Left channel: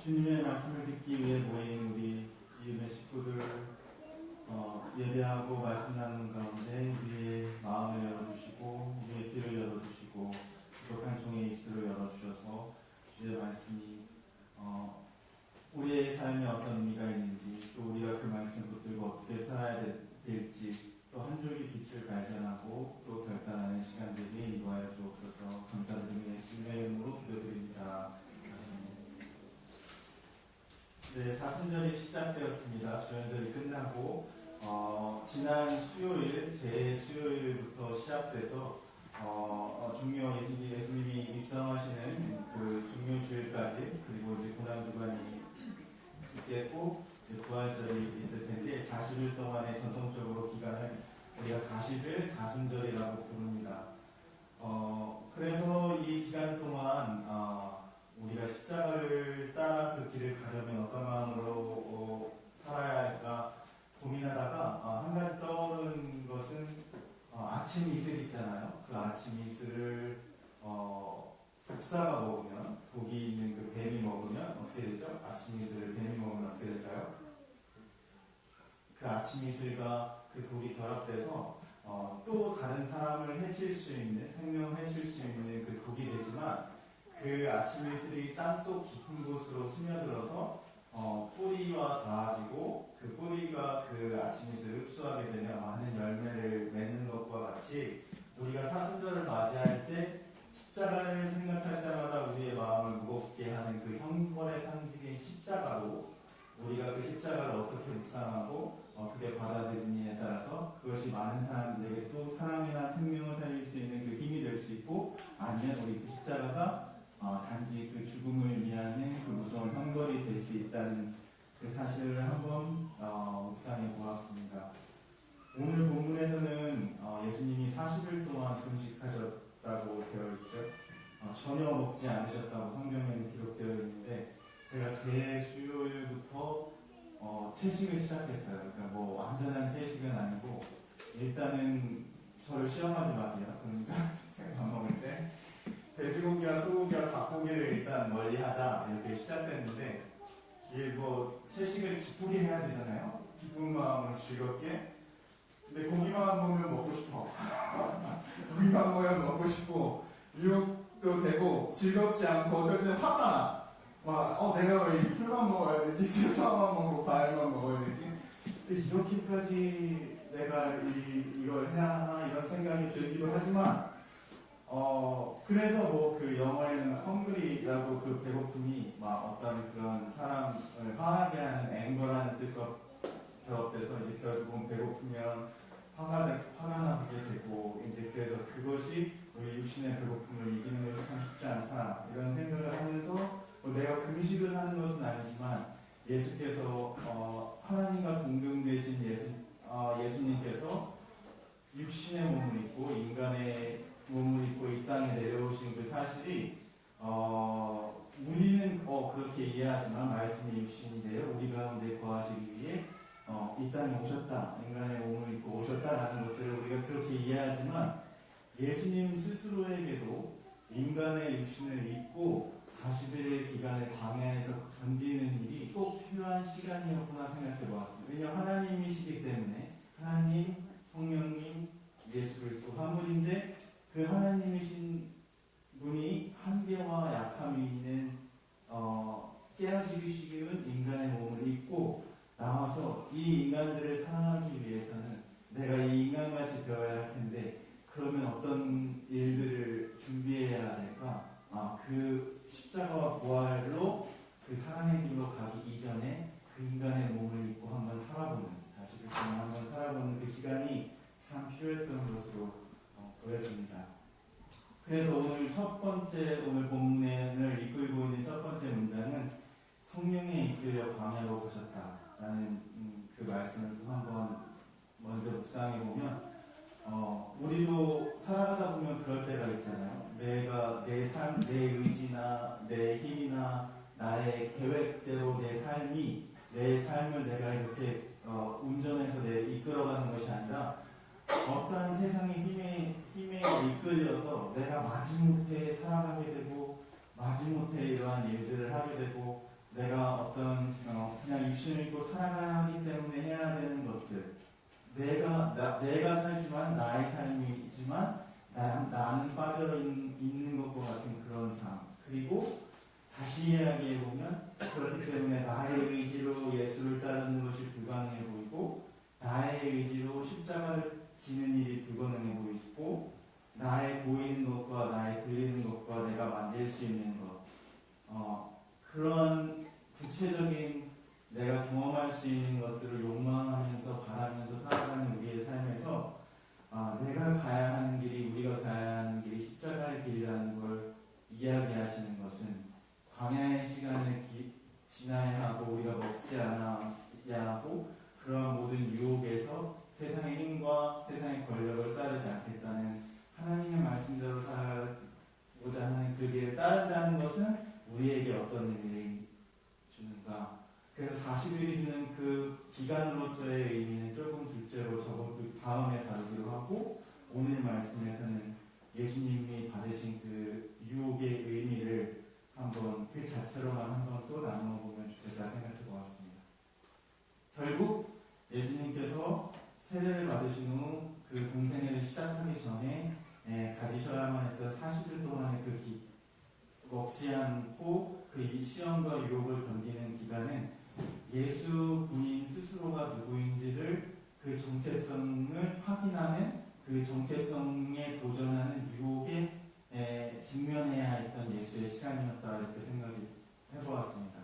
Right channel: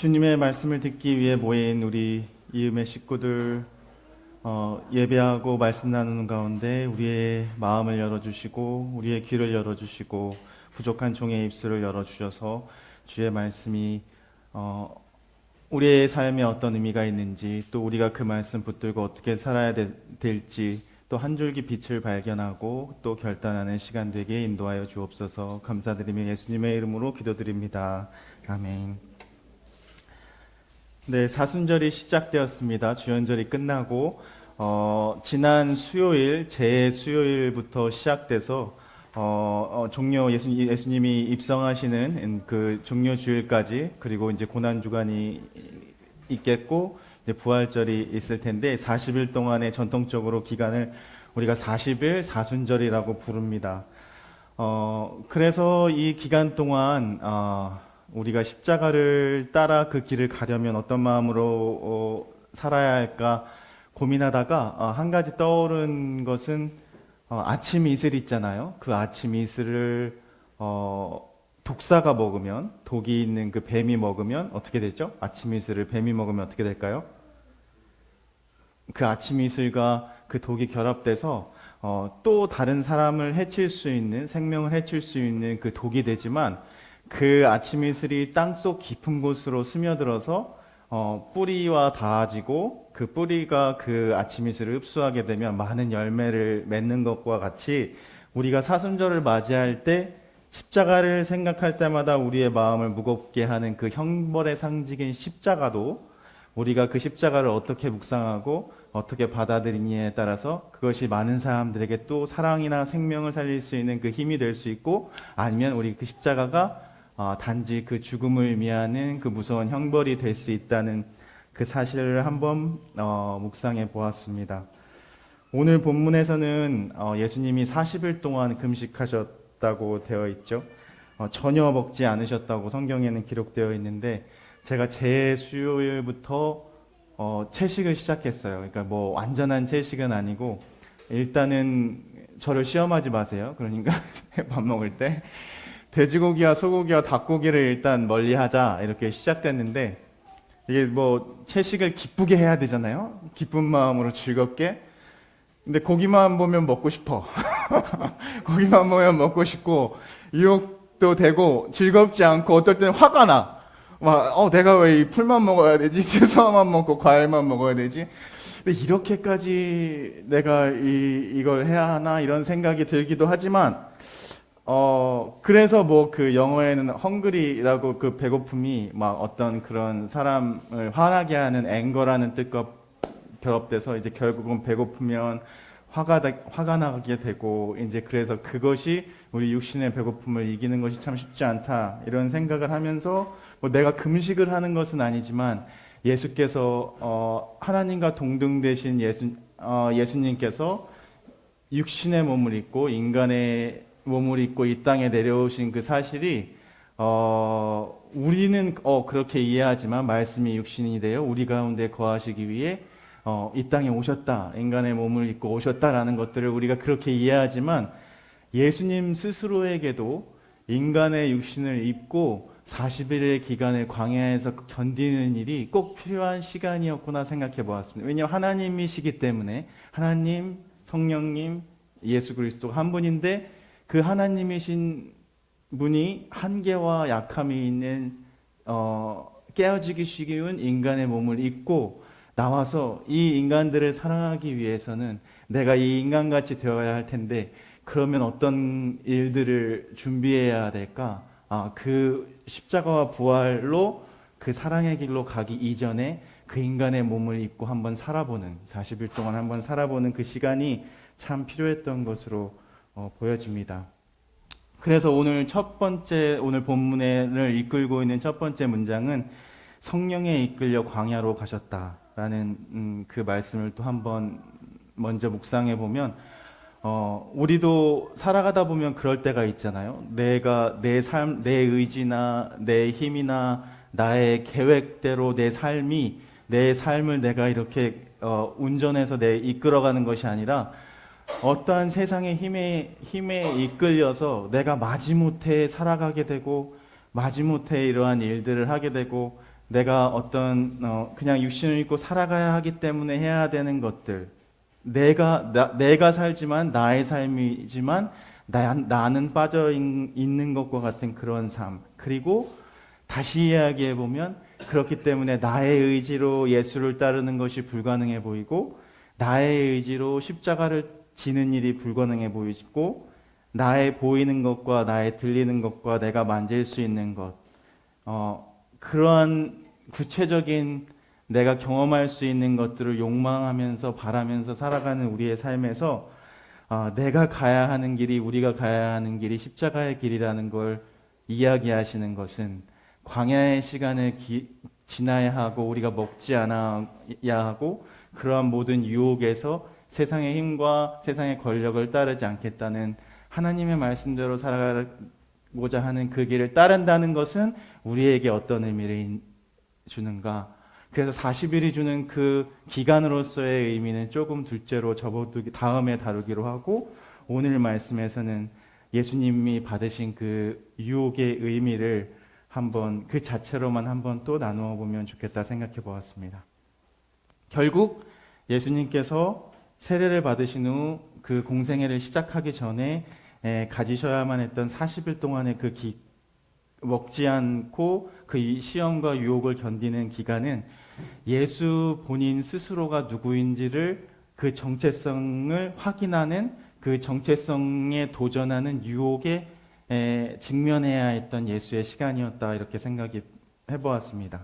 주님의 말씀을 듣기 위해 모인 우리 이음의 식구들 예배하고 말씀 나누는 가운데 우리의 마음을 열어주시고 우리의 귀를 열어주시고 부족한 종의 입술을 열어주셔서 주의 말씀이 우리의 삶에 어떤 의미가 있는지 또 우리가 그 말씀 붙들고 어떻게 살아야 될지 또 한 줄기 빛을 발견하고 또 결단하는 시간 되게 인도하여 주옵소서. 감사드리며 예수님의 이름으로 기도드립니다. 아멘. 네, 사순절이 시작되었습니다. 주연절이 끝나고 지난 수요일 제 수요일부터 시작돼서 종료 예수님이 입성하시는 그 종료 주일까지 그리고 이제 고난 주간이 있겠고 이제 부활절이 있을 텐데 40일 동안의 전통적으로 기간을 우리가 40일 사순절이라고 부릅니다. 그래서 이 기간 동안 우리가 십자가를 따라 그 길을 가려면 어떤 마음으로 살아야 할까 고민하다가 한 가지 떠오른 것은 아침 이슬 있잖아요. 그 아침 이슬을 독사가 먹으면 독이 있는 그 뱀이 먹으면 어떻게 되죠? 아침 이슬을 뱀이 먹으면 어떻게 될까요? 그 아침 이슬과 그 독이 결합돼서 또 다른 사람을 해칠 수 있는 생명을 해칠 수 있는 그 독이 되지만 그 아침 이슬이 땅속 깊은 곳으로 스며들어서 뿌리와 닿아지고 그 뿌리가 그 아침 이슬을 흡수하게 되면 많은 열매를 맺는 것과 같이 우리가 사순절을 맞이할 때 십자가를 생각할 때마다 우리의 마음을 무겁게 하는 그 형벌의 상징인 십자가도 우리가 그 십자가를 어떻게 묵상하고 어떻게 받아들이냐에 따라서 그것이 많은 사람들에게 또 사랑이나 생명을 살릴 수 있는 그 힘이 될 수 있고 아니면 우리 그 십자가가 단지 그 죽음을 의미하는 그 무서운 형벌이 될 수 있다는 그 사실을 한번 묵상해 보았습니다. 오늘 본문에서는 예수님이 40일 동안 금식하셨다고 되어 있죠. 전혀 먹지 않으셨다고 성경에는 기록되어 있는데 제가 제 수요일부터 채식을 시작했어요. 그러니까 뭐 완전한 채식은 아니고 일단은 저를 시험하지 마세요. 그러니까 밥 먹을 때 돼지고기와 소고기와 닭고기를 일단 멀리하자 이렇게 시작됐는데 이게 뭐 채식을 기쁘게 해야 되잖아요. 기쁜 마음으로 즐겁게. 근데 고기만 보면 먹고 싶어. 고기만 보면 먹고 싶고 유혹도 되고 즐겁지 않고 어떨 때는 화가 나. 막 내가 왜 이 풀만 먹어야 되지? 채소만 먹고 과일만 먹어야 되지? 근데 이렇게까지 내가 이걸 해야 하나 이런 생각이 들기도 하지만 그래서 뭐 그 영어에는 헝그리라고 그 배고픔이 막 어떤 그런 사람을 화나게 하는 앵거라는 뜻과 결합돼서 이제 결국은 배고프면 화가 나게 되고 이제 그래서 그것이 우리 육신의 배고픔을 이기는 것이 참 쉽지 않다 이런 생각을 하면서 뭐 내가 금식을 하는 것은 아니지만 예수께서 하나님과 동등되신 예수님께서 육신의 몸을 입고 인간의 몸을 입고 이 땅에 내려오신 그 사실이 우리는 그렇게 이해하지만 말씀이 육신이 되어 우리 가운데 거하시기 위해 이 땅에 오셨다. 인간의 몸을 입고 오셨다라는 것들을 우리가 그렇게 이해하지만 예수님 스스로에게도 인간의 육신을 입고 40일의 기간을 광야에서 견디는 일이 꼭 필요한 시간이었구나 생각해 보았습니다. 왜냐하면 하나님이시기 때문에 하나님, 성령님, 예수 그리스도 한 분인데 그 하나님이신 분이 한계와 약함이 있는 깨어지기 쉬운 인간의 몸을 입고 나와서 이 인간들을 사랑하기 위해서는 내가 이 인간같이 되어야 할 텐데 그러면 어떤 일들을 준비해야 될까? 그 십자가와 부활로 그 사랑의 길로 가기 이전에 그 인간의 몸을 입고 한번 살아보는 40일 동안 한번 살아보는 그 시간이 참 필요했던 것으로 보여집니다. 그래서 오늘 오늘 본문을 이끌고 있는 첫 번째 문장은 성령에 이끌려 광야로 가셨다라는 그 말씀을 또 한번 먼저 묵상해 보면 우리도 살아가다 보면 그럴 때가 있잖아요. 내가 내 삶, 내 의지나 내 힘이나 나의 계획대로 내 삶을 내가 이렇게 운전해서 이끌어가는 것이 아니라 어떠한 세상의 힘에 이끌려서 내가 마지못해 살아가게 되고 마지못해 이러한 일들을 하게 되고 내가 어떤 그냥 육신을 입고 살아가야 하기 때문에 해야 되는 것들, 내가 살지만 나의 삶이지만 나는 빠져 있는 것과 같은 그런 삶. 그리고 다시 이야기해 보면 그렇기 때문에 나의 의지로 예수를 따르는 것이 불가능해 보이고 나의 의지로 십자가를 지는 일이 불가능해 보이고 나의 보이는 것과 나의 들리는 것과 내가 만질 수 있는 것 그런 구체적인 내가 경험할 수 있는 것들을 욕망하면서 바라면서 살아가는 우리의 삶에서 내가 가야 하는 길이 우리가 가야 하는 길이 십자가의 길이라는 걸 이야기하시는 것은 광야의 시간을 지나야 하고 우리가 먹지 않아야 하고 그러한 모든 유혹에서 세상의 힘과 세상의 권력을 따르지 않겠다는 하나님의 말씀대로 살아가고자 하는 그 길을 따른다는 것은 우리에게 어떤 의미를 주는가? 그래서 40일이 주는 그 기간으로서의 의미는 조금 둘째로 접어두기 다음에 다루기로 하고 오늘 말씀에서는 예수님이 받으신 그 유혹의 의미를 한번 그 자체로만 한번 또 나누어 보면 좋겠다 생각해 보았습니다. 결국 예수님께서 세례를 받으신 후 그 공생애를 시작하기 전에 가지셔야만 했던 40일 동안의 그 먹지 않고 그 시험과 유혹을 견디는 기간은 예수 본인 스스로가 누구인지를 그 정체성을 확인하는 그 정체성에 도전하는 유혹에 직면해야 했던 예수의 시간이었다 이렇게 생각이 해보았습니다.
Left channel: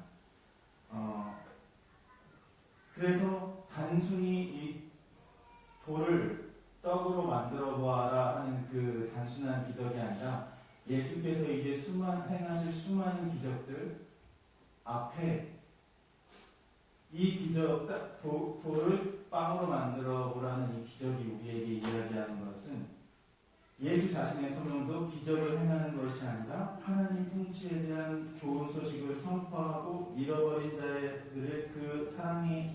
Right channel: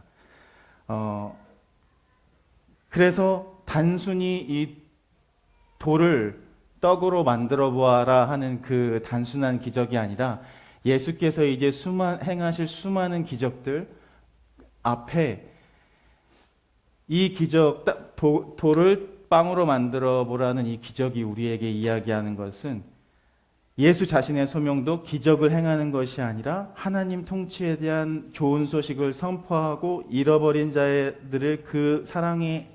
그래서 단순히 이 돌을 떡으로 만들어 보아라 하는 그 단순한 기적이 아니라 예수께서 이제 행하실 수많은 기적들 앞에 이 기적 돌을 빵으로 만들어 보라는 이 기적이 우리에게 이야기하는 것은 예수 자신의 소명도 기적을 행하는 것이 아니라 하나님 통치에 대한 좋은 소식을 선포하고 잃어버린 자들을 그 사랑의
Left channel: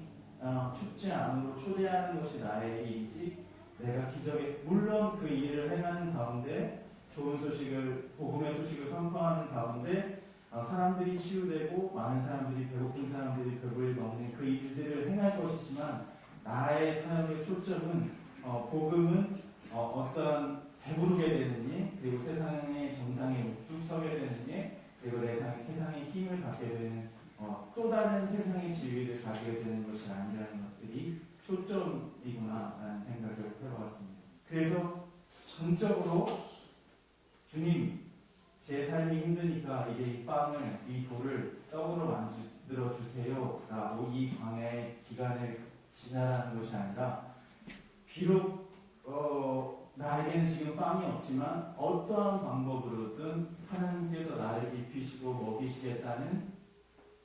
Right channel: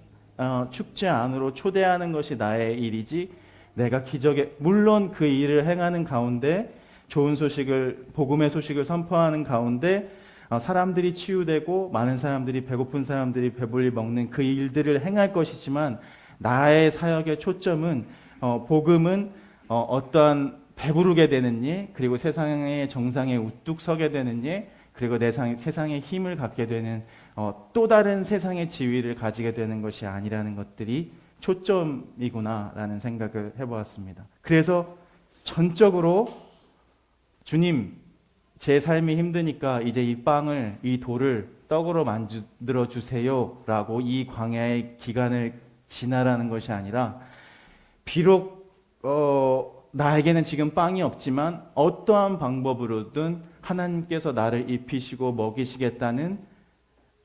축제 안으로 초대하는 것이 나의 일이지 내가 기적에 물론 그 일을 행하는 가운데 좋은 소식을 복음의 소식을 선포하는 가운데 사람들이 치유되고 많은 사람들이 배고픈 사람들이 배불리 먹는 그 일들을 행할 것이지만 나의 사역의 초점은 복음은 어떠한 배부르게 되는 일 그리고 세상의 정상에 우뚝 서게 되는 일 그리고 세상에 힘을 갖게 되는 또 다른 세상의 지위를 가지게 되는 것이 아니라는 것들이 초점이구나라는 생각을 해보았습니다. 그래서 전적으로 주님 제 삶이 힘드니까 이제 이 돌을 떡으로 만들어 주세요라고 이 광야의 기간을 지나라는 것이 아니라 비록 나에게는 지금 빵이 없지만 어떠한 방법으로든 하나님께서 나를 입히시고 먹이시겠다는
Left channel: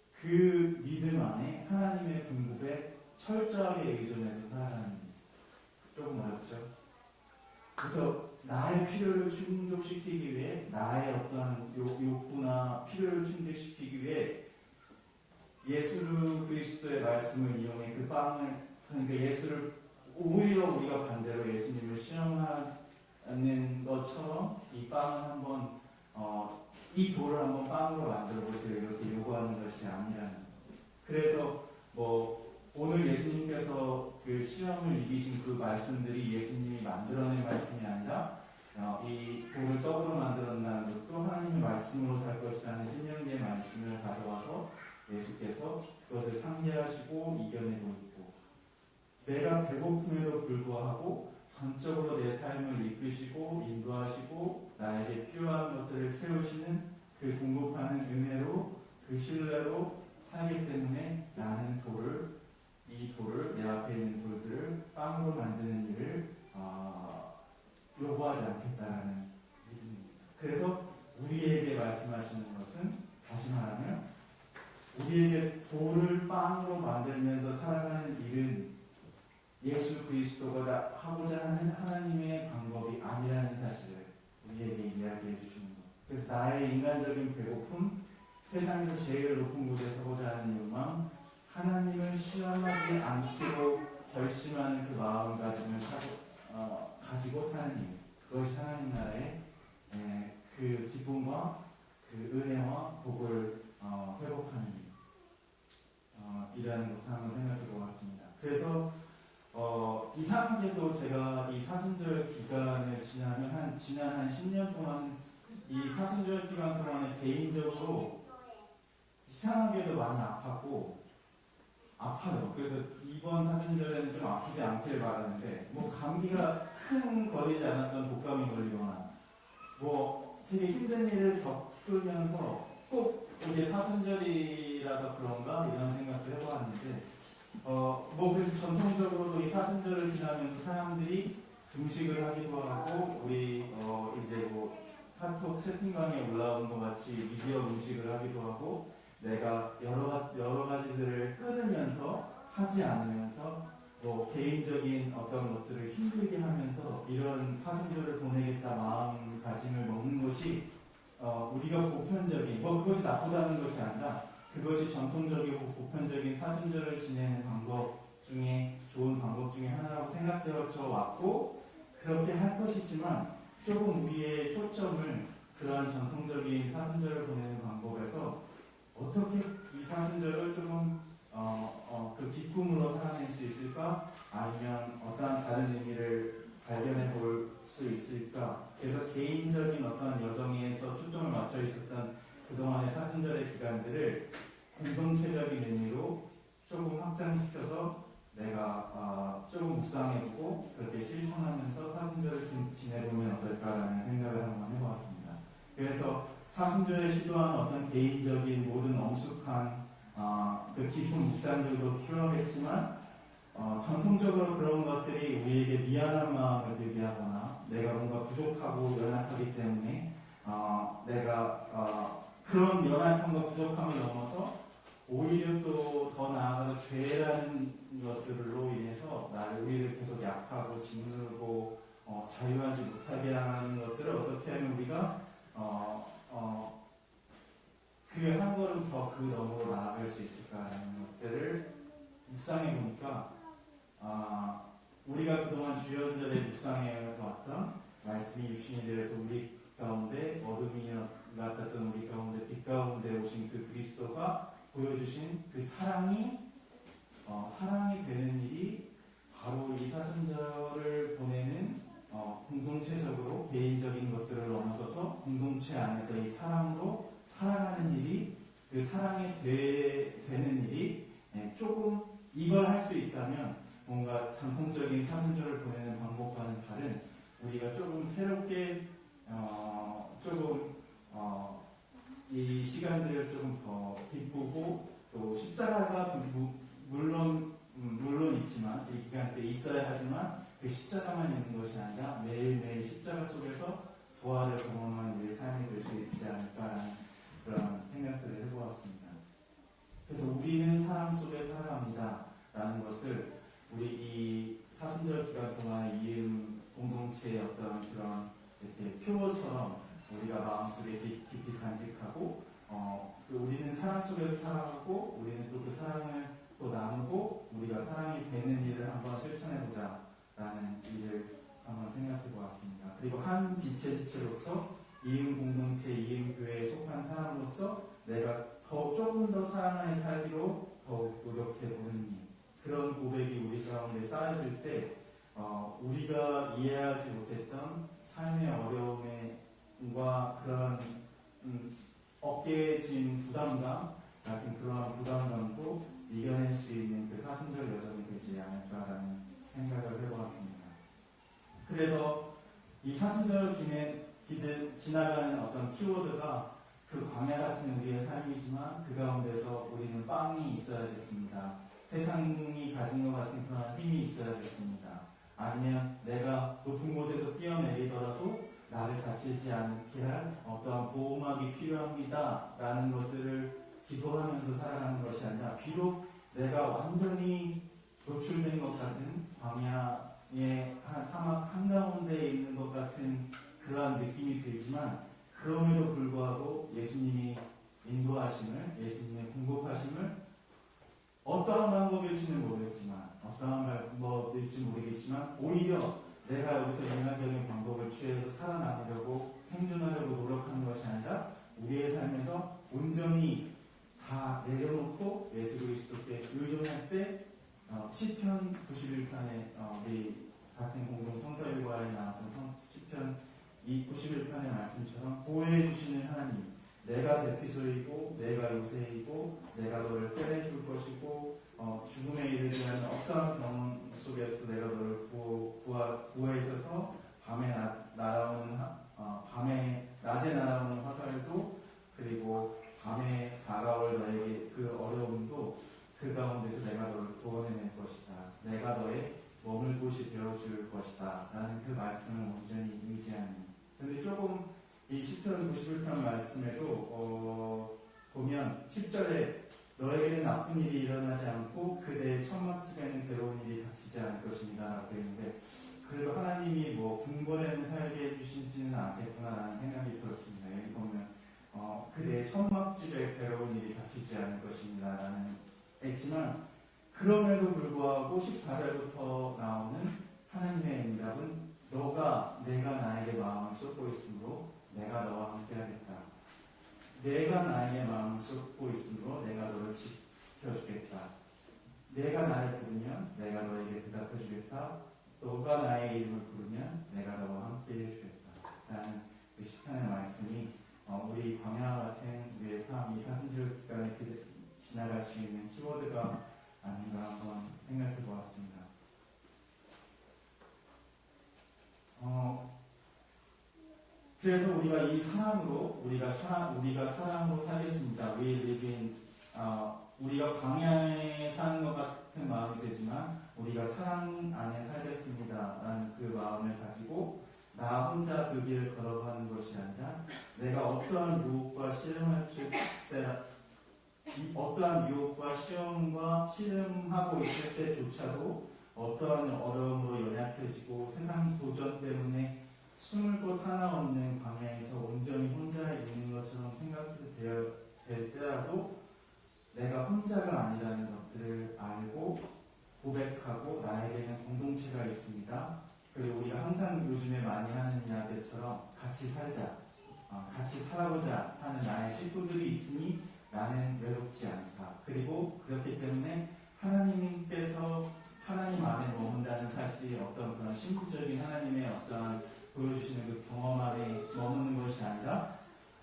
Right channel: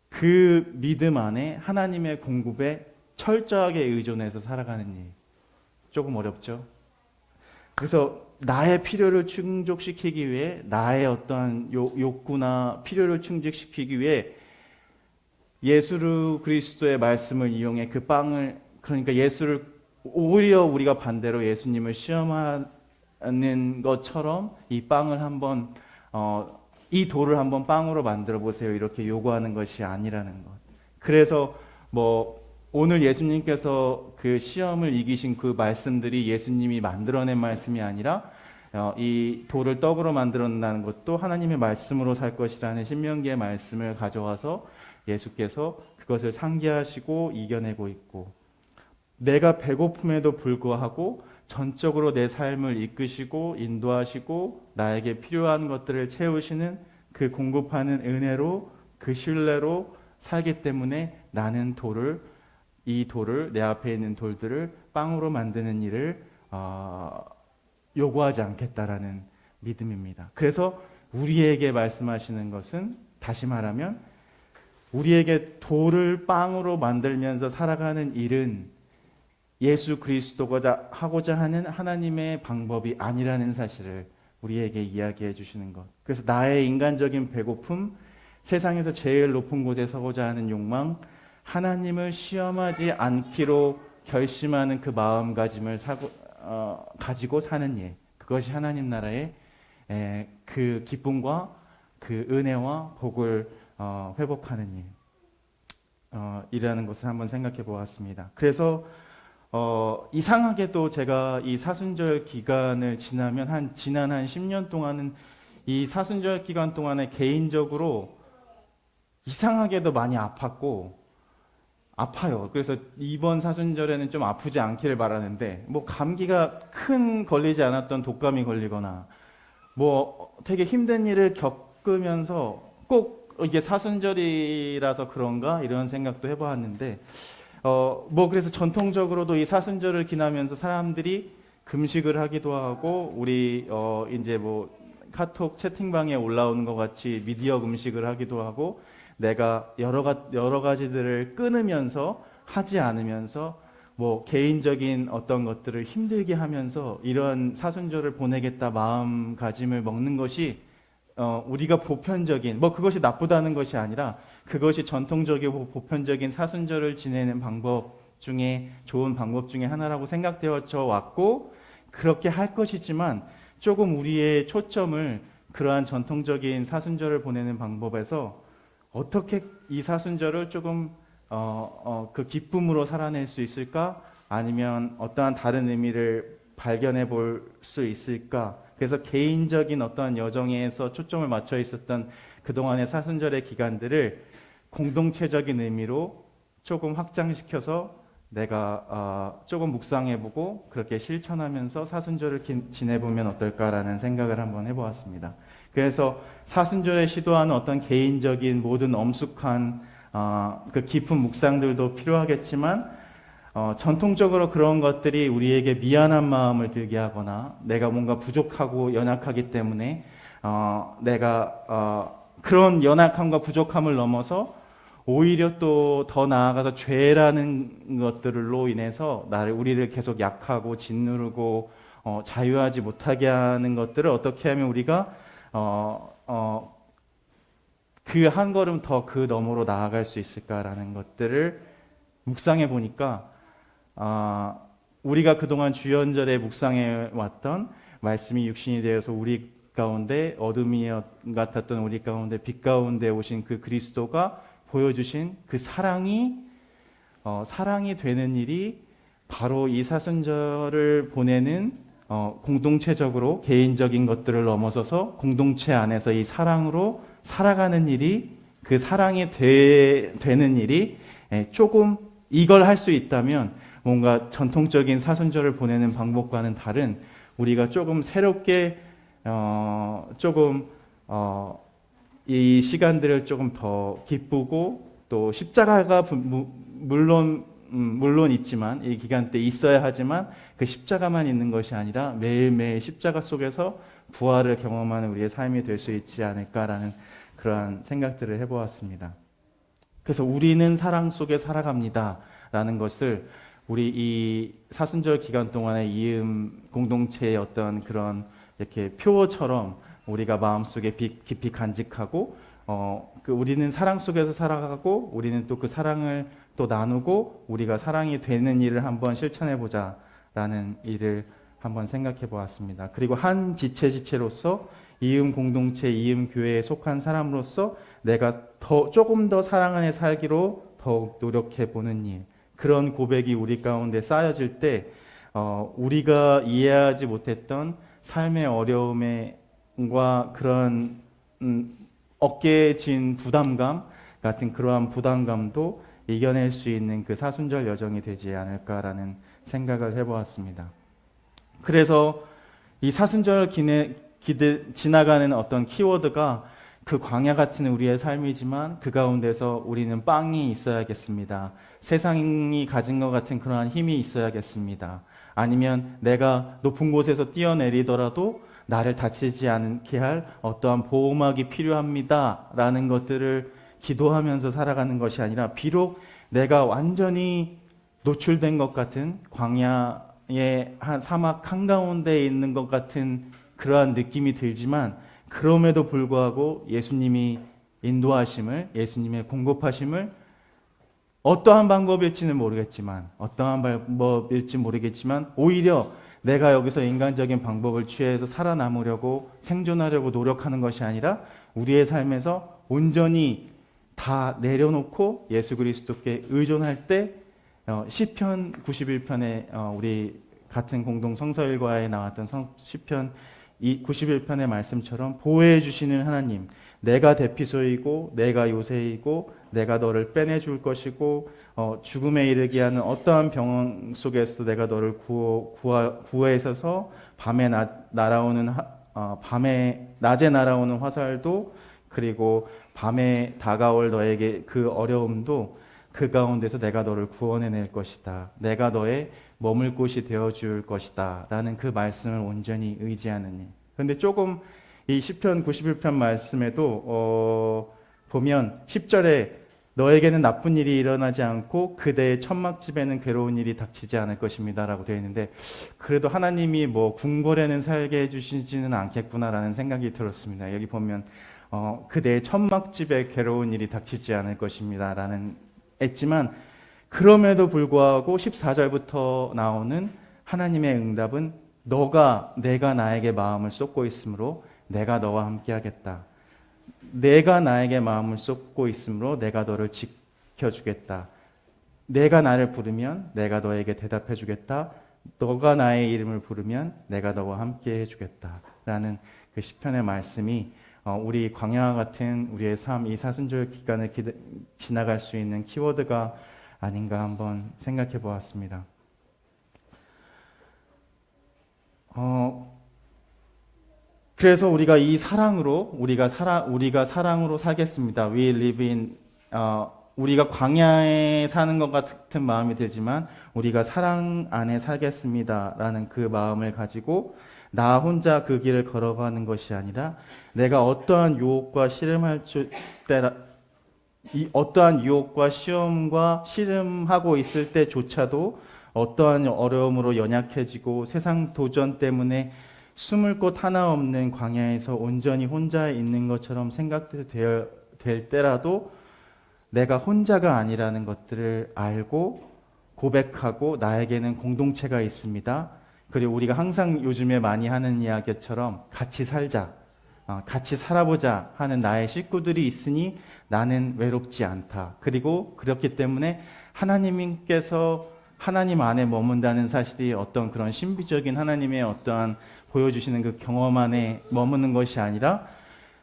그 믿음 안에 하나님의 공급에 철저하게 의존해서 살아가는 일. 조금 어렵죠? 그래서 나의 필요를 충족시키기 위해 나의 어떠한 욕구나 필요를 충족시키기 위해 예수 그리스도의 말씀을 이용해 그 빵을 그러니까 예수를 오히려 우리가 반대로 예수님을 시험하는 것처럼 이 빵을 한번 이 돌을 한번 빵으로 만들어 보세요 이렇게 요구하는 것이 아니라는 것. 그래서 오늘 예수님께서 그 시험을 이기신 그 말씀들이 예수님이 만들어낸 말씀이 아니라 이 돌을 떡으로 만들어낸다는 것도 하나님의 말씀으로 살 것이라는 신명기의 말씀을 가져와서 예수께서 그것을 상기하시고 이겨내고 있고 내가 배고픔에도 불구하고 전적으로 내 삶을 이끄시고 인도하시고 나에게 필요한 것들을 채우시는 그 공급하는 은혜로 그 신뢰로 살기 때문에 나는 이 돌을 내 앞에 있는 돌들을 빵으로 만드는 일을 요구하지 않겠다라는 믿음입니다. 그래서 우리에게 말씀하시는 것은 다시 말하면 우리에게 돌을 빵으로 만들면서 살아가는 일은 예수 그리스도가 하고자 하는 하나님의 방법이 아니라는 사실을 우리에게 이야기해 주시는 것. 그래서 나의 인간적인 배고픔, 세상에서 제일 높은 곳에 서고자 하는 욕망, 하나님을 시험하지 않기로 결심하는 그 마음가짐을 가지고 사는 일. 그것이 하나님 나라의 그 기쁨과 그 은혜와 복을 회복하는 일. 이라는 것을 한번 생각해 보았습니다. 그래서 이상하게도 제가 이 사순절 기간을 지난 한 10년 동안은 이 사순절 기간 동안에 개인적으로 이상하게도 많이 아파요. 그래서 이번 사순절에는 좀 아프지 않기를 바라는데, 뭐 감기가 걸리지 않았던 독감이 걸리거나 뭐 되게 힘든 일을 겪으면서 꼭 이게 사순절이라서 그런가 이런 생각도 해보았는데, 뭐 그래서 전통적으로도 이 사순절을 지나면서 사람들이 금식을 하기도 하고, 우리 이제 뭐 카톡 채팅방에 올라오는 것 같이 미디어 금식을 하기도 하고, 내가 여러 가지들을 끊으면서 하지 않으면서 뭐 개인적인 어떤 것들을 힘들게 하면서 이런 사순절을 보내겠다 마음가짐을 먹는 것이 우리가 보편적인, 뭐 그것이 나쁘다는 것이 아니라 그것이 전통적이고 보편적인 사순절을 지내는 방법 중에 좋은 방법 중에 하나라고 생각되어져 왔고, 그렇게 할 것이지만 조금 우리의 초점을 그러한 전통적인 사순절을 보내는 방법에서 어떻게 이 사순절을 조금 그 기쁨으로 살아낼 수 있을까? 아니면 어떠한 다른 의미를 발견해 볼 수 있을까? 그래서 개인적인 어떤 여정에서 초점을 맞춰 있었던 그동안의 사순절의 기간들을 공동체적인 의미로 조금 확장시켜서 내가 조금 묵상해보고 그렇게 실천하면서 사순절을 지내보면 어떨까라는 생각을 한번 해보았습니다. 그래서 사순절에 시도하는 어떤 개인적인 모든 엄숙한 그 깊은 묵상들도 필요하겠지만, 전통적으로 그런 것들이 우리에게 미안한 마음을 들게 하거나 내가 뭔가 부족하고 연약하기 때문에 내가 그런 연약함과 부족함을 넘어서 오히려 또 더 나아가서 죄라는 것들로 인해서 우리를 계속 약하고 짓누르고 자유하지 못하게 하는 것들을 어떻게 하면 우리가 그 한 걸음 더 그 너머로 나아갈 수 있을까라는 것들을 묵상해 보니까, 우리가 그동안 주연절에 묵상해 왔던 말씀이 육신이 되어서 우리 가운데 어둠이 같았던 우리 가운데 빛 가운데 오신 그 그리스도가 보여주신 그 사랑이 되는 일이 바로 이 사순절을 보내는 공동체적으로 개인적인 것들을 넘어서서 공동체 안에서 이 사랑으로 살아가는 일이, 그 사랑이 되는 일이 조금 이걸 할 수 있다면 뭔가 전통적인 사순절을 보내는 방법과는 다른, 우리가 조금 새롭게 이 시간들을 조금 더 기쁘고, 또 십자가가 물론 있지만 이 기간 때 있어야 하지만 그 십자가만 있는 것이 아니라 매일매일 십자가 속에서 부활을 경험하는 우리의 삶이 될 수 있지 않을까라는 그러한 생각들을 해보았습니다. 그래서 우리는 사랑 속에 살아갑니다 라는 것을 우리 이 사순절 기간 동안의 이음 공동체의 어떤 그런 이렇게 표어처럼 우리가 마음속에 깊이 간직하고, 우리는 사랑 속에서 살아가고 우리는 또 그 사랑을 또 나누고 우리가 사랑이 되는 일을 한번 실천해 보자라는 일을 한번 생각해 보았습니다. 그리고 한 지체로서 이음 공동체, 이음 교회에 속한 사람으로서 내가 조금 더 사랑 안에 살기로 더욱 노력해 보는 일, 그런 고백이 우리 가운데 쌓여질 때 우리가 이해하지 못했던 삶의 어려움과 그런 어깨에 진 부담감 같은 그러한 부담감도 이겨낼 수 있는 그 사순절 여정이 되지 않을까라는 생각을 해보았습니다. 그래서 이 사순절 지나가는 어떤 키워드가 그 광야 같은 우리의 삶이지만 그 가운데서 우리는 빵이 있어야겠습니다. 세상이 가진 것 같은 그러한 힘이 있어야겠습니다. 아니면 내가 높은 곳에서 뛰어내리더라도 나를 다치지 않게 할 어떠한 보호막이 필요합니다 라는 것들을 기도하면서 살아가는 것이 아니라, 비록 내가 완전히 노출된 것 같은 광야의 한 사막 한가운데에 있는 것 같은 그러한 느낌이 들지만, 그럼에도 불구하고 예수님이 인도하심을, 예수님의 공급하심을 어떠한 방법일지는 모르겠지만 오히려 내가 여기서 인간적인 방법을 취해서 살아남으려고 생존하려고 노력하는 것이 아니라 우리의 삶에서 온전히 다 내려놓고 예수 그리스도께 의존할 때 시편 91편에 우리 같은 공동 성서일과에 나왔던 시편 91편의 말씀처럼 보호해 주시는 하나님, 내가 대피소이고 내가 요새이고 내가 너를 빼내줄 것이고 죽음에 이르게 하는 어떠한 병 속에서도 내가 너를 구해서서 밤에 낮에 날아오는 화살도 그리고 밤에 다가올 너에게 그 어려움도 그 가운데서 내가 너를 구원해낼 것이다. 내가 너의 머물 곳이 되어줄 것이다. 라는 그 말씀을 온전히 의지하는 일. 그런데 조금 이 시편 91편 말씀에도 보면 10절에 너에게는 나쁜 일이 일어나지 않고 그대의 천막집에는 괴로운 일이 닥치지 않을 것입니다 라고 되어 있는데, 그래도 하나님이 뭐 궁궐에는 살게 해주시지는 않겠구나라는 생각이 들었습니다. 여기 보면 그대의 천막집에 괴로운 일이 닥치지 않을 것입니다 라는 했지만, 그럼에도 불구하고 14절부터 나오는 하나님의 응답은 내가 나에게 마음을 쏟고 있으므로 내가 너와 함께 하겠다. 내가 나에게 마음을 쏟고 있으므로 내가 너를 지켜주겠다. 내가 나를 부르면 내가 너에게 대답해 주겠다. 너가 나의 이름을 부르면 내가 너와 함께 해주겠다. 라는 그 시편의 말씀이 우리 광야와 같은 우리의 삶, 이 사순절 기간을 지나갈 수 있는 키워드가 아닌가 한번 생각해 보았습니다. 그래서 우리가 이 사랑으로 우리가 사랑으로 살겠습니다. We live in 우리가 광야에 사는 것 같은 마음이 들지만 우리가 사랑 안에 살겠습니다라는 그 마음을 가지고 나 혼자 그 길을 걸어가는 것이 아니라 내가 어떠한 유혹과 어떠한 유혹과 시험과 씨름하고 있을 때조차도 어떠한 어려움으로 연약해지고 세상 도전 때문에 숨을 곳 하나 없는 광야에서 온전히 혼자 있는 것처럼 생각될 때라도 내가 혼자가 아니라는 것들을 알고 고백하고 나에게는 공동체가 있습니다. 그리고 우리가 항상 요즘에 많이 하는 이야기처럼 같이 살자, 같이 살아보자 하는 나의 식구들이 있으니 나는 외롭지 않다. 그리고 그렇기 때문에 하나님께서 하나님 안에 머문다는 사실이 어떤 그런 신비적인 하나님의 어떠한 보여주시는 그 경험 안에 머무는 것이 아니라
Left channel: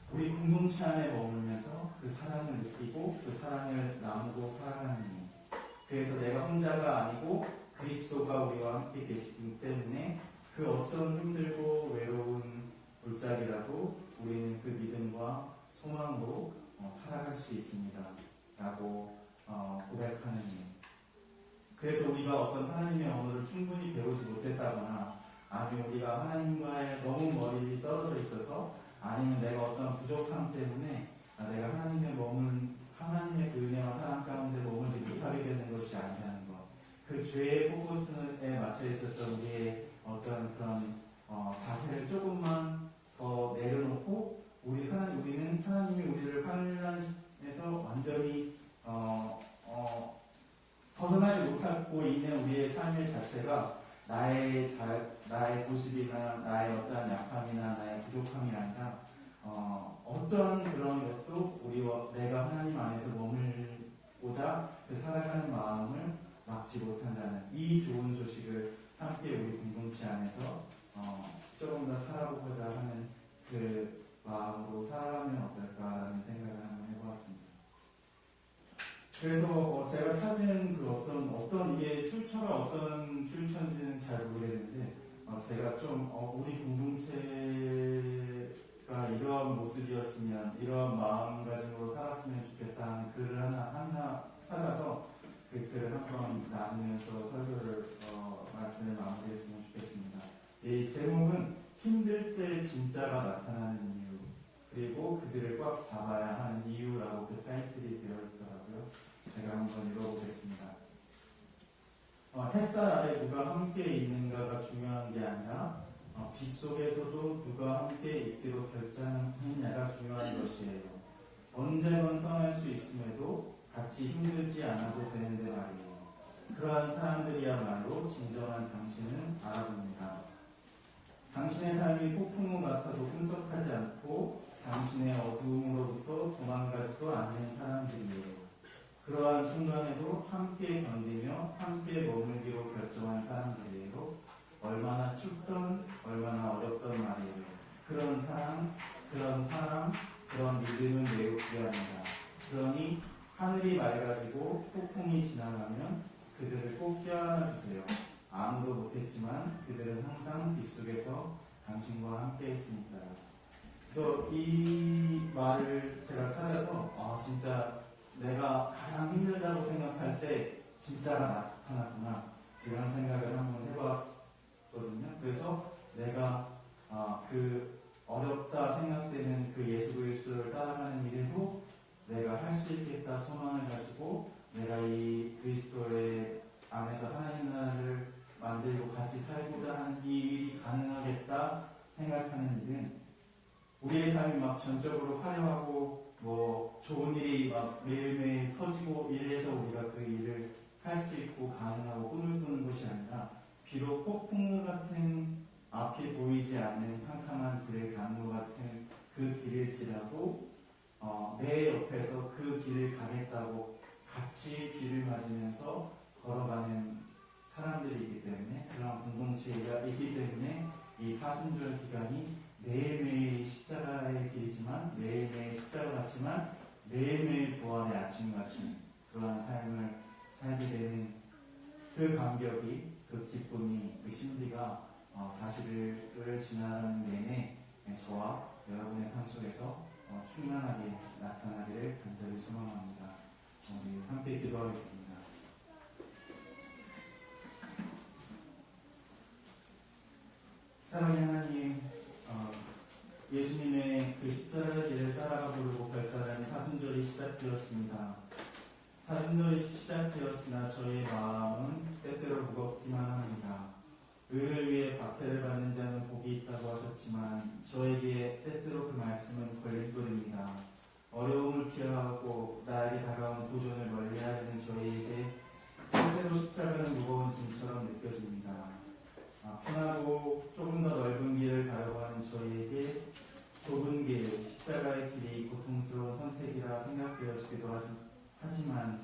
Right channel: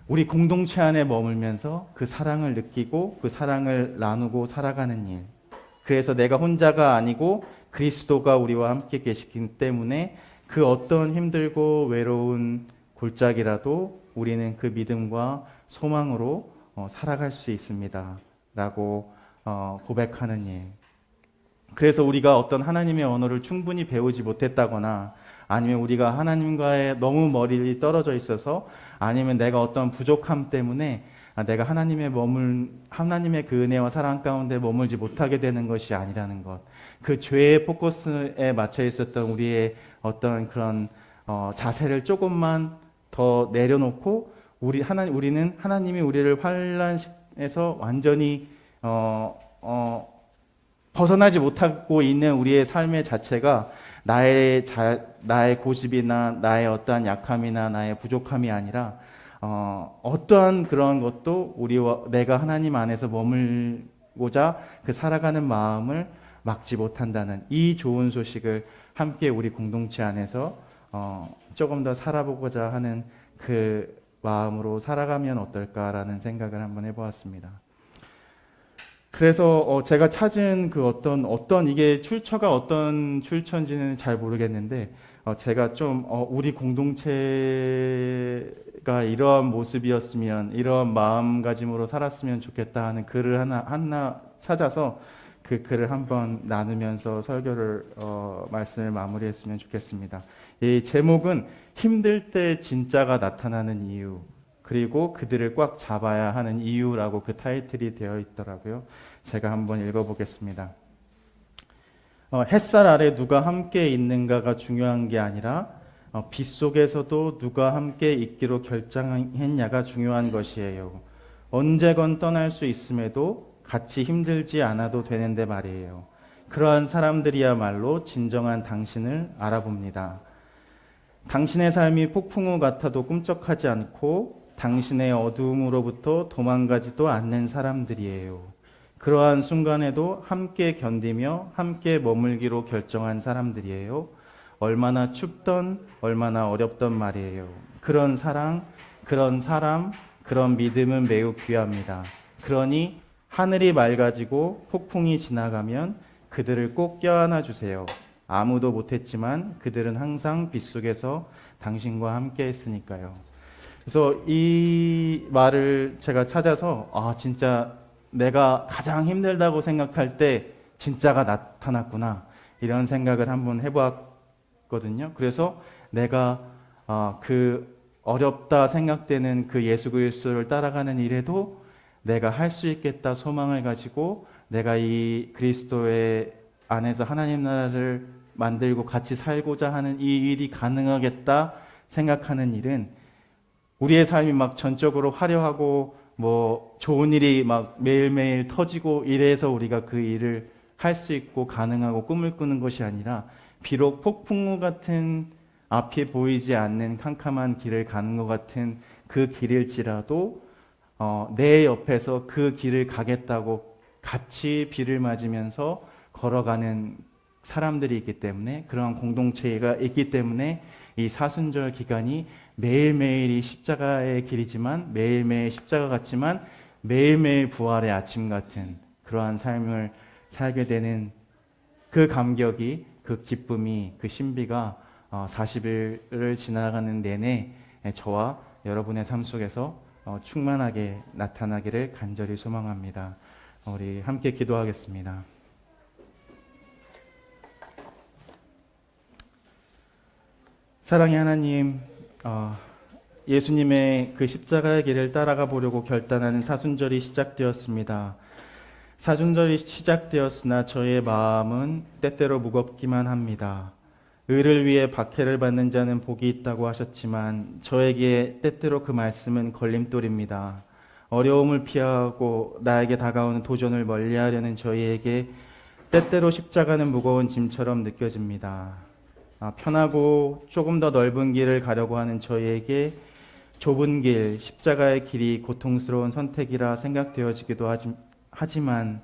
우리 공동체 안에 머물면서 그 사랑을 느끼고 그 사랑을 나누고 살아가는 일. 그래서 내가 혼자가 아니고 그리스도가 우리와 함께 계시기 때문에 그 어떤 힘들고 외로운 골짜기라도 우리는 그 믿음과 소망으로 살아갈 수 있습니다. 라고 고백하는 일. 그래서 우리가 어떤 하나님의 언어를 충분히 배우지 못했다거나 아니면 우리가 하나님과의 너무 멀리 떨어져 있어서 아니면 내가 어떤 부족함 때문에 내가 하나님의 그 은혜와 사랑 가운데 머물지 못하게 되는 것이 아니라는 것. 그 죄의 포커스에 맞춰 있었던 우리의 어떤 그런 자세를 조금만 더 내려놓고 우리는 하나님이 우리를 환난에서 완전히 벗어나지 못하고 있는 우리의 삶의 자체가 나의 고집이나 나의 어떠한 약함이나 나의 부족함이 아니라 어떠한 그런 것도 내가 하나님 안에서 머물고자 그 살아가는 마음을 막지 못한다는 이 좋은 소식을 함께 우리 공동체 안에서 조금 더 살아보고자 하는 그 마음으로 살아가면 어떨까라는 생각을 한번 해보았습니다. 그래서 제가 찾은 그 어떤 이게 출처가 어떤 출처인지는 잘 모르겠는데 제가 좀 우리 공동체가 이러한 모습이었으면 이러한 마음가짐으로 살았으면 좋겠다 하는 글을 하나 찾아서 그 글을 한번 나누면서 설교를 말씀을 마무리했으면 좋겠습니다. 이 제목은 힘들 때 진짜가 나타나는 이유, 그리고 그들을 꽉 잡아야 하는 이유라고 그 타이틀이 되어 있더라고요. 제가 한번 읽어보겠습니다. 햇살 아래 누가 함께 있는가가 중요한 게 아니라 빛 속에서도 누가 함께 있기로 결정했냐가 중요한 것이에요. 언제건 떠날 수 있음에도 같이 힘들지 않아도 되는데 말이에요. 그러한 사람들이야말로 진정한 당신을 알아봅니다. 당신의 삶이 폭풍우 같아도 꿈쩍하지 않고 당신의 어두움으로부터 도망가지도 않는 사람들이에요. 그러한 순간에도 함께 견디며 함께 머물기로 결정한 사람들이에요. 얼마나 춥던 얼마나 어렵던 말이에요. 그런 사랑, 그런 사람, 그런 믿음은 매우 귀합니다. 그러니 하늘이 맑아지고 폭풍이 지나가면 그들을 꼭 껴안아 주세요. 아무도 못했지만 그들은 항상 빗속에서 당신과 함께 했으니까요. 그래서 이 말을 제가 찾아서 진짜 내가 가장 힘들다고 생각할 때 진짜가 나타났구나 이런 생각을 한번 해보았거든요. 그래서 내가 그 어렵다 생각되는 그 예수 그리스도를 따라가는 일에도 내가 할 수 있겠다 소망을 가지고 내가 이 그리스도의 안에서 하나님 나라를 만들고 같이 살고자 하는 이 일이 가능하겠다 생각하는 일은 우리의 삶이 막 전적으로 화려하고 뭐 좋은 일이 막 매일매일 터지고 이래서 우리가 그 일을 할 수 있고 가능하고 꿈을 꾸는 것이 아니라 비록 폭풍우 같은 앞이 보이지 않는 캄캄한 길을 가는 것 같은 그 길일지라도 내 옆에서 그 길을 가겠다고 같이 비를 맞으면서 걸어가는 사람들이 있기 때문에 그러한 공동체가 있기 때문에 이 사순절 기간이 매일매일이 십자가의 길이지만 매일매일 십자가 같지만 매일매일 부활의 아침 같은 그러한 삶을 살게 되는 그 감격이 그 기쁨이 그 신비가 40일을 지나가는 내내 저와 여러분의 삶 속에서 충만하게 나타나기를 간절히 소망합니다. 우리 함께 기도하겠습니다. 사랑의 하나님, 예수님의 그 십자가의 길을 따라가 보려고 결단하는 사순절이 시작되었습니다. 사순절이 시작되었으나 저의 마음은 때때로 무겁기만 합니다. 의를 위해 박해를 받는 자는 복이 있다고 하셨지만 저에게 때때로 그 말씀은 걸림돌입니다. 어려움을 피하고 나에게 다가오는 도전을 멀리하려는 저희에게 때때로 십자가는 무거운 짐처럼 느껴집니다. 편하고 조금 더 넓은 길을 가려고 하는 저희에게 좁은 길, 십자가의 길이 고통스러운 선택이라 생각되어지기도 하지만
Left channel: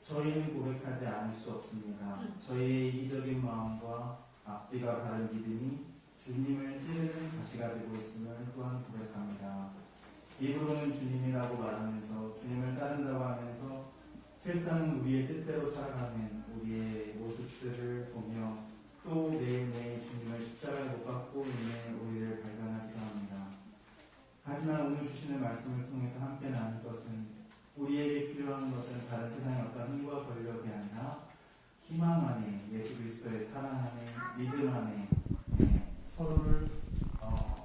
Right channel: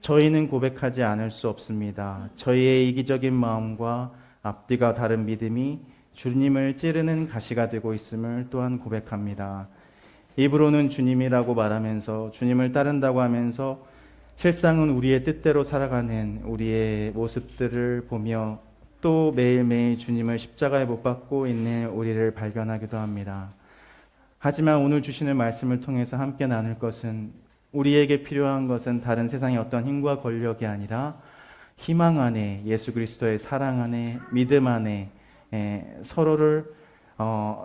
저희는 고백하지 않을 수 없습니다. 저희의 이기적인 마음과 앞뒤가 다른 믿음이 주님을 찌르는 가시가 되고 있음을 또한 고백합니다. 입으로는 주님이라고 말하면서 주님을 따른다고 하면서 실상은 우리의 뜻대로 살아가는 우리의 모습들을 보며 또 매일매일 주님을 십자가에 못 박고 있는 우리를 발견하기도 합니다. 하지만 오늘 주시는 말씀을 통해서 함께 나눌 것은 우리에게 필요한 것은 다른 세상의 어떤 힘과 권력이 아니라 희망 안에 예수 그리스도의 사랑 안에 믿음 안에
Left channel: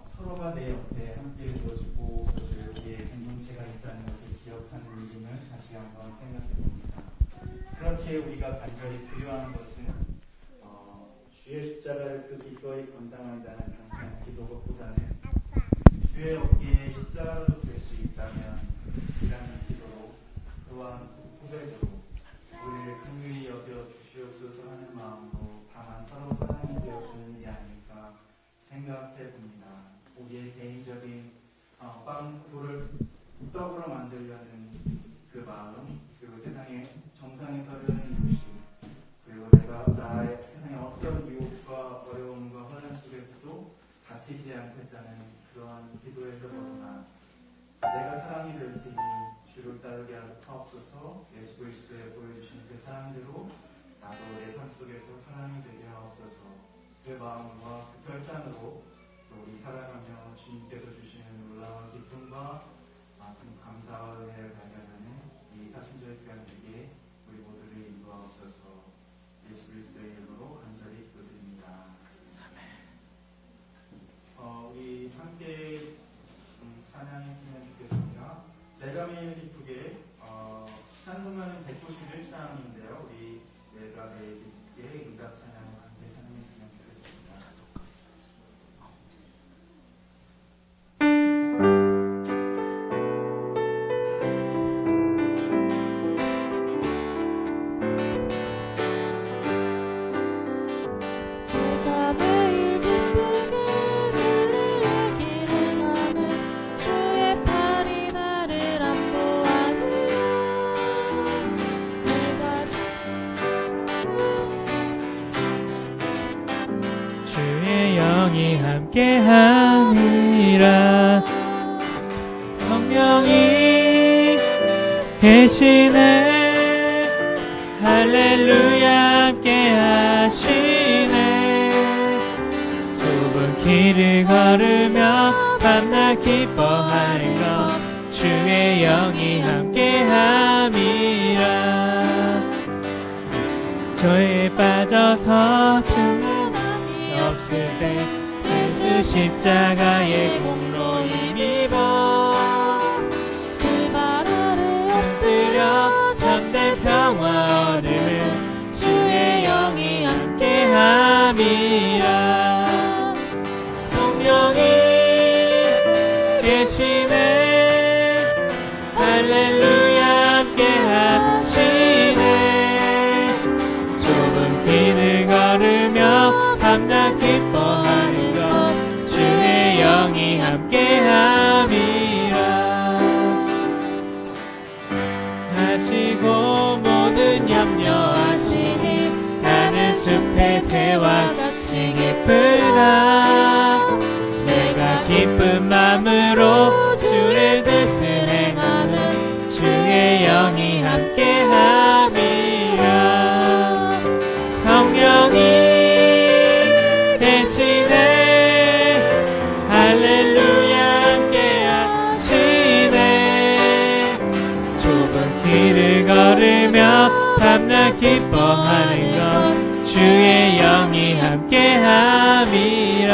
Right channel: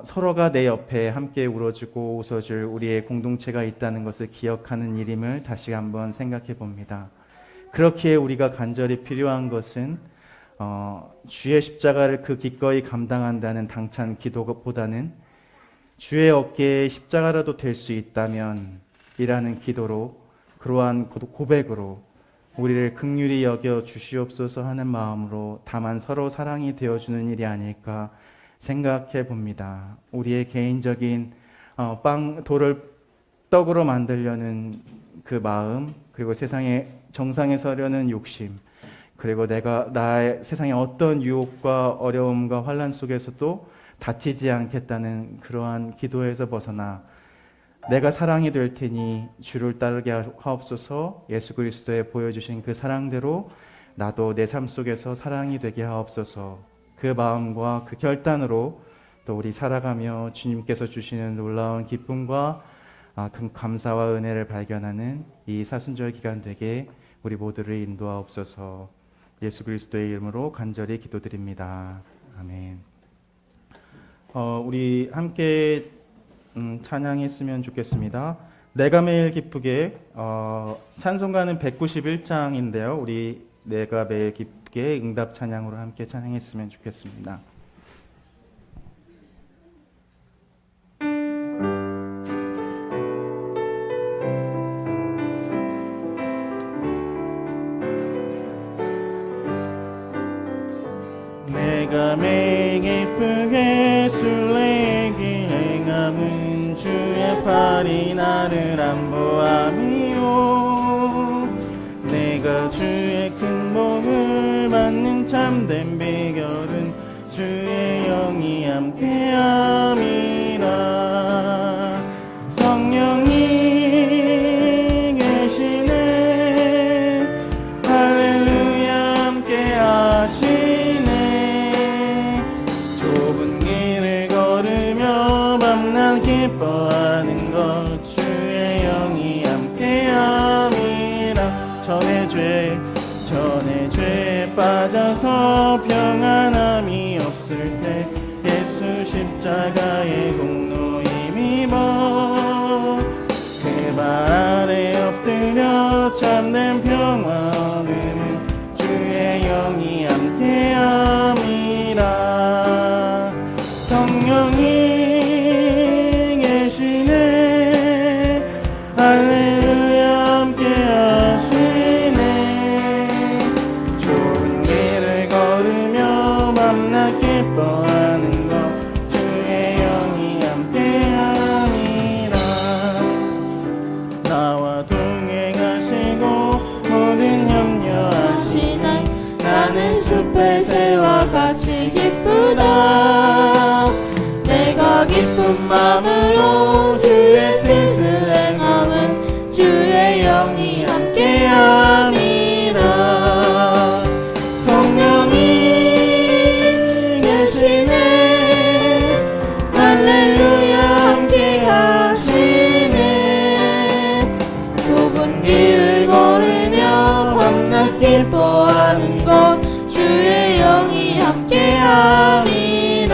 서로가 내 옆에 함께 울어주고 웃어줄 우리의 공동체가 있다는 것을 기억하는 일임을 다시 한번 생각해 봅니다. 그렇기에 우리가 간절히 필요한 것은 주의 십자가를 그 기꺼이 감당한다는 당찬 기도보다는 주의 어깨에 십자가라도 될 수 있다면 이라는 기도로 그러한 고백으로 우리를 긍휼히 여겨 주시옵소서 하는 마음으로 다만 서로 사랑이 되어주는 일이 아닐까 생각해 봅니다. 우리의 개인적인 돌을 떡으로 만들려는 그 마음, 그리고 세상의 정상에 서려는 욕심, 그리고 내가 나의 세상의 어떤 유혹과 어려움과 환난 속에서도 다치지 않겠다는 그러한 기도에서 벗어나 내가 사랑이 될 테니 주를 따르게 하옵소서. 예수 그리스도에 보여주신 그 사랑대로 나도 내 삶 속에서 사랑이 되게 하옵소서. 그 마음과 그 결단으로 또 우리 살아가며 주님께서 주시는 놀라운 기쁨과 큰 감사와 은혜를 발견하는 이 사순절 기간 되게 우리 모두를 인도하옵소서. 예수 그리스도의 이름으로 간절히 기도드립니다. 아멘. 우리 함께 찬양했으면 좋겠습니다. 내가 매일 기쁘게 찬송가는 191장인데요. 우리 내가 매일 기쁘게 응답 찬양으로 함께 찬양했으면 좋겠습니다. 내가 매일 기쁘게 주의 길 행함은 주 영이 함께함이라. 성령이 계시네. 할렐루야 함께하시네. 좁은 길을 걸으며 만난 기뻐하여 주의 영이 함께함이라. 전에 죄에 빠져서 평안함이 없을 때 예수 십자가의 공로 힘입어 그 발 아래 엎드려 참된 평화 얻으면 주의 영이 함께함이라. 성령이 계시네. 할렐루야 함께하시네. 좁은 길을 걸으며 밤낮 기뻐하여 주의 영이 함께함이라. 나와 동행하시고 모든 염려하시네. 나는 숲의 새와 같이 기쁘다. 내가 기쁜 마음으로 주의 뜻을 행하면 주의 영이 함께함이라. 성령이 계시네. 할렐루야 함께하시네. 좁은 길을 걸으며 밤낮 기뻐하여 주의 영이 함께함이라.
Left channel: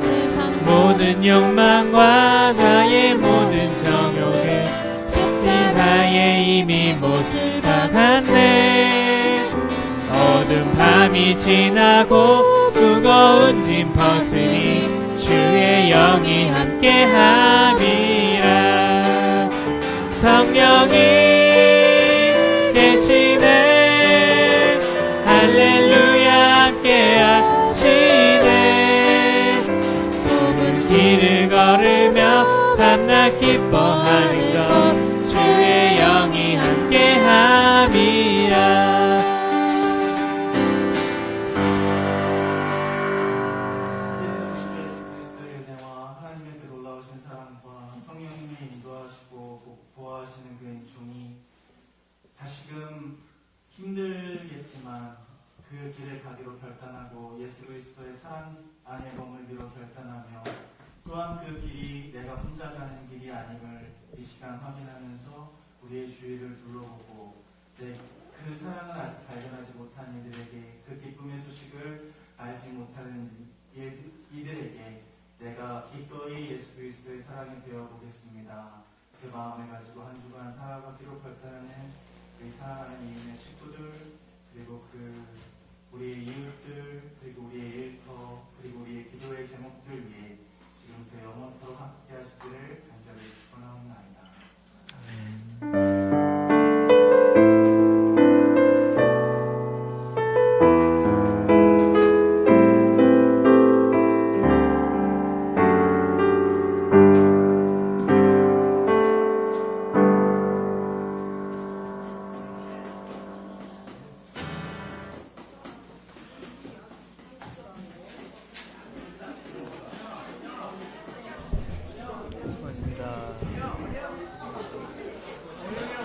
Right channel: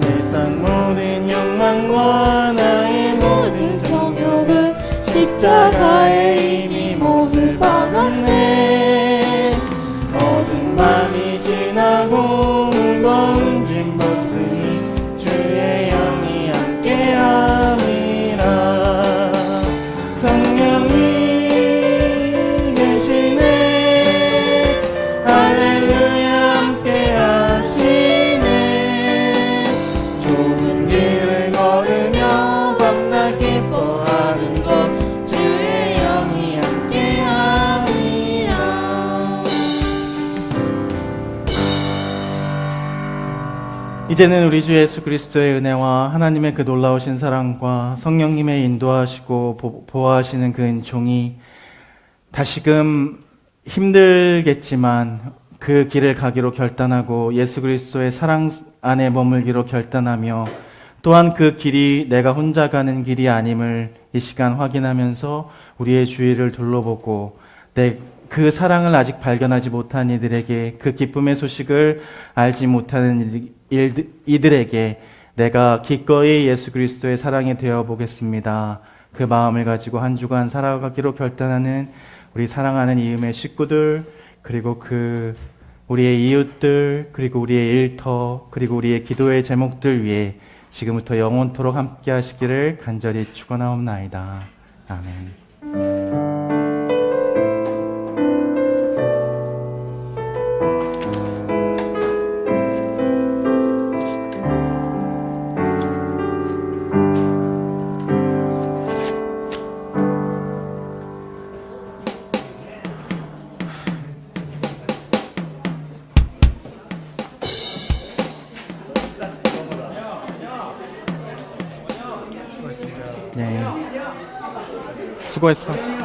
세상 모든 욕망과 나의 모든 정욕을 십자가에 이미 모두 박았네. 어두운 밤이 지나고 무거운 짐 벗으니 주의 영이 함께함이라. 성령이 계시네. 할렐루야 함께하시네. 좁은 길을 걸으며 밤낮 기뻐하여 주의 영이 함께함이라. 이제는 우리 주 예수 그리스도의 은혜와 하나님의 그 놀라우신 사랑과 성령님의 인도하시고 보호하시는 그 은총이 다시금 힘들겠지만 그 길을 가기로 결단하고 예수 그리스도의 사랑 안에 머물기로 결단하며 또한 그 길이 내가 혼자 가는 길이 아님을 이 시간 확인하면서 우리의 주위를 둘러보고 그 사랑을 아직 발견하지 못한 이들에게 그 기쁨의 소식을 알지 못하는 이들에게 내가 기꺼이 예수 그리스도의 사랑이 되어 보겠습니다. 그 마음을 가지고 한 주간 살아가기로 결단하는 우리 사랑하는 이음의 식구들, 그리고 우리의 이웃들, 그리고 우리의 일터, 그리고 우리의 기도의 제목들 위해 지금부터 영원토록 함께 하시기를 간절히 축원하옵나이다. 아멘. 네, 수고했어.